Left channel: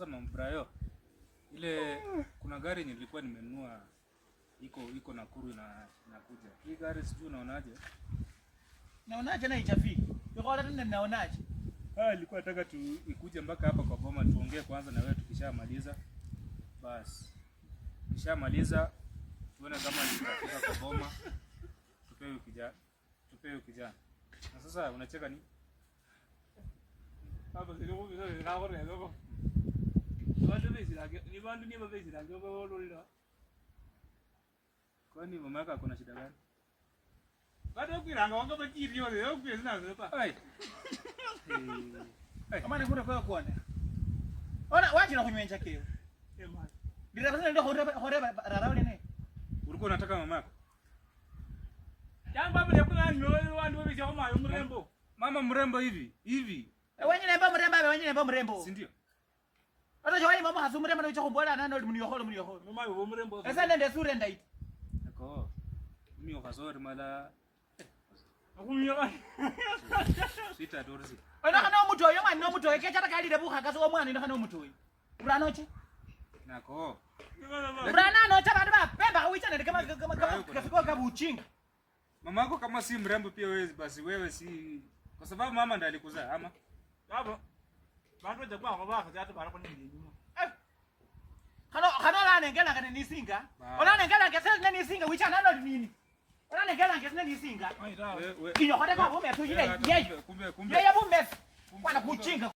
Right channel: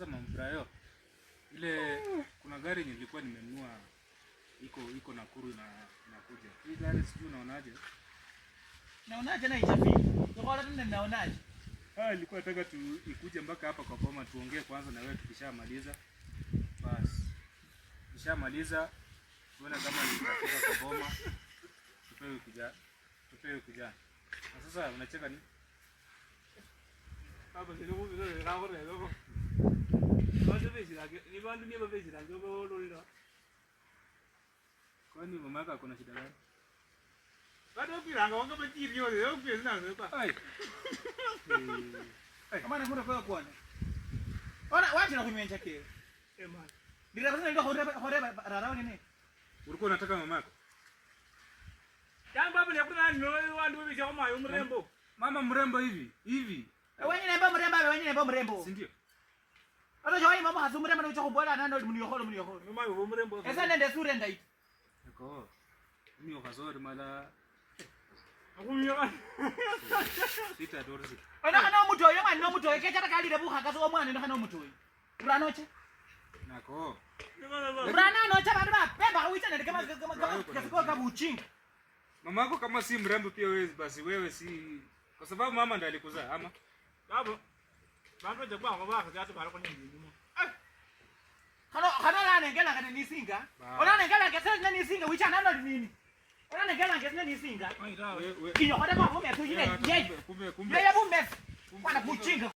Sasa mambrayo. Ile kuna gari nilikuwa nimenunua iko Nakuru inakuja. Hii gari sijui unaonaje? Naonaje na ichapi? Ndio tena naonaje? Nilikuwa nataka ikuje mpaka hapa kwa boma tuongee kwanza na wewe tukishamaliza. Basi. Tukishamaliza tuone kama nitafika kwa boma. Tupewe kijana. Na sasa unacheka nini? Baba kidogo ndio rawo leo. Ndio besi lake. Ni bandu ni besi lake baba lolila. Kwani mama yako kuna shida gani? Bado ukiranga wanga bajiri yo leo pesa na zepa. Ai. Kama ni kuna kwa kuone. Ona waje na kumenja kile. Ema. Bila basi ndio hore rarao nini? Ulikuwa unataka mama yako? Jamba bale kuna ndio wandu besi kama yo mrembo. Mama mrembo hivi. Wenye nemba mrembo. Si ndio? Hata jawai mama hasu mrembo na kubola nando mniyoholo. Mama yo mrembo. Esa nende sure ndai. Nako. Mimi ukazori mala. Akunyaka. Sita dorzi. Ona kana omuntu oyo mwana omuntu oyo kechata kalire buha kaso omwana ndo kana omuntu oyo. Uranoche? Nako. Urana nocha bantu bapemba kuita nende kama kafiko kabuchinga. Mama yako kama si mrembo pia wewe basi wewe si kwa sababu mama ndiye alikuzaa ama Baba. Baba je kwa baba kati bara kwa nyingi nyuma. Kana la nengela kana nisinga. Ona nengela kesa nisinga wicha nalo nini? Ona nengela kesa nisinga. Kinyo kwa kwa mume tu ile yeye. Kumbe. Yeye mume. Bwana kuchinga.